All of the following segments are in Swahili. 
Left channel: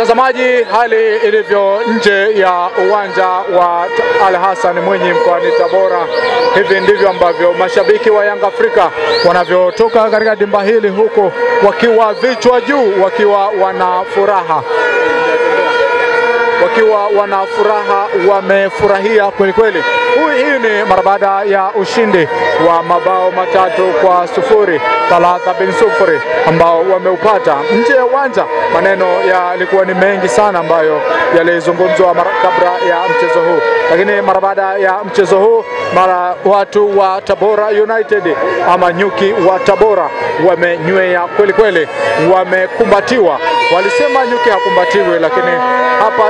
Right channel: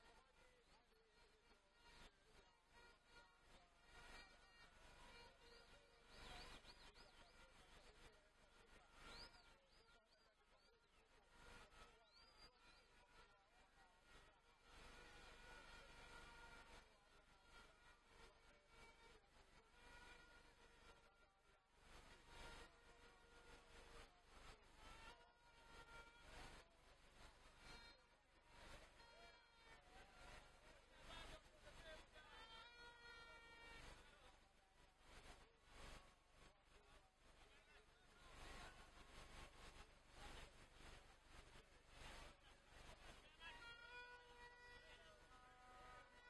Mtazamaji, hali ilivyo nje ya uwanja wa Ali Hassan Mwinyi mkoani Tabora, hivi ndivyo ambavyo mashabiki wa Yanga Afrika wanavyotoka katika dimba hili, huko wakiwa vichwa juu, wakiwa wana furaha. Wamefurahia kweli kweli. Hii ni mara baada ya ushindi wa mabao 3-0, 3-0 ambao wameupata nje ya uwanja. Maneno yalikuwa ni mengi sana ambayo yalizungumzwa kabla ya mchezo huu, lakini mara baada ya mchezo huu, watu wa Tabora United ama nyuki wa Tabora wamenywea kweli kweli, wamekumbatiwa. Walisema nyuki hakumbatiwe, lakini hapa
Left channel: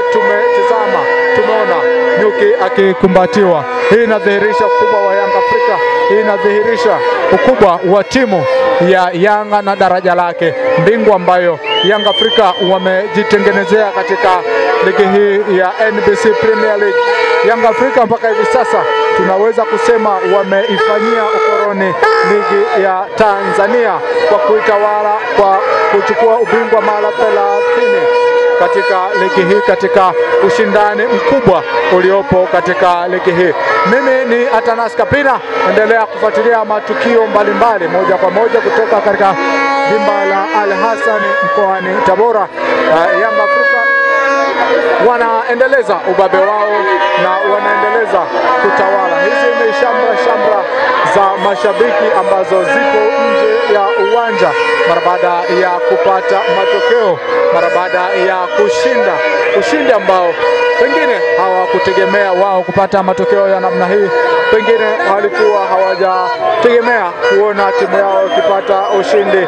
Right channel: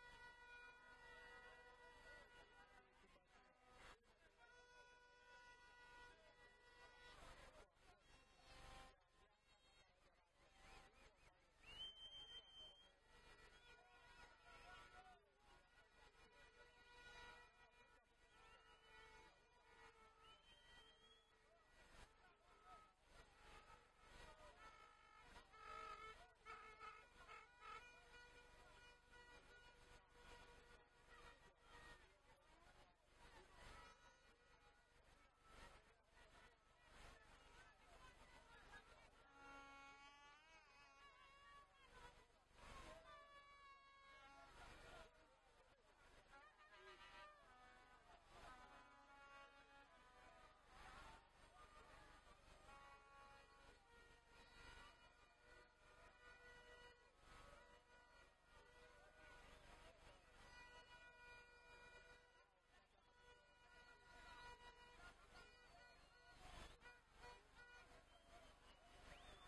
tumeona nyuki akikumbatiwa. Hii inadhihirisha ukubwa wa Yanga Afrika, hii inadhihirisha ukubwa wa timu ya Yanga na daraja lake, mbingu ambayo Yanga Afrika wamejitengenezea katika ligi hii ya NBC Premier League. Yanga Afrika mpaka hivi sasa tunaweza kusema wameifanyia ukoloni ligi ya Tanzania kwa kuitawala, kwa kuchukua ubingwa mara 30 katika ligi hii, katika ushindani mkubwa uliopo katika ligi hii. Mimi ni Atanas Kapina, endelea kufuatilia matukio mbalimbali moja kwa moja kutoka katika dimba la Ali Hassan mkoani Tabora. Yanga Afrika wanaendeleza ubabe wao na wanaendeleza kutawala. Hizi ni shamra za mashabiki ambazo zipo nje ya uwanja mara baada ya kupata matokeo, mara baada ya kushinda ushindi ambao pengine hawakutegemea wao kupata matokeo ya namna hii. Pengine walikuwa hawajategemea kuona timu yao ikipata ushindi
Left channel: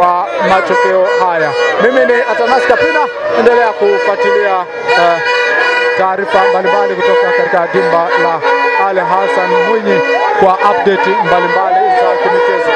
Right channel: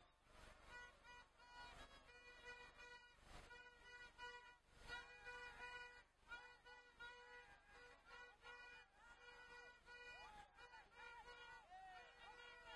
wa matokeo haya. Mimi ni Atanas Kapina, endelea kufuatilia taarifa mbalimbali kutoka katika dimba la Ali Hassan Mwinyi kwa update mbalimbali za kimichezo.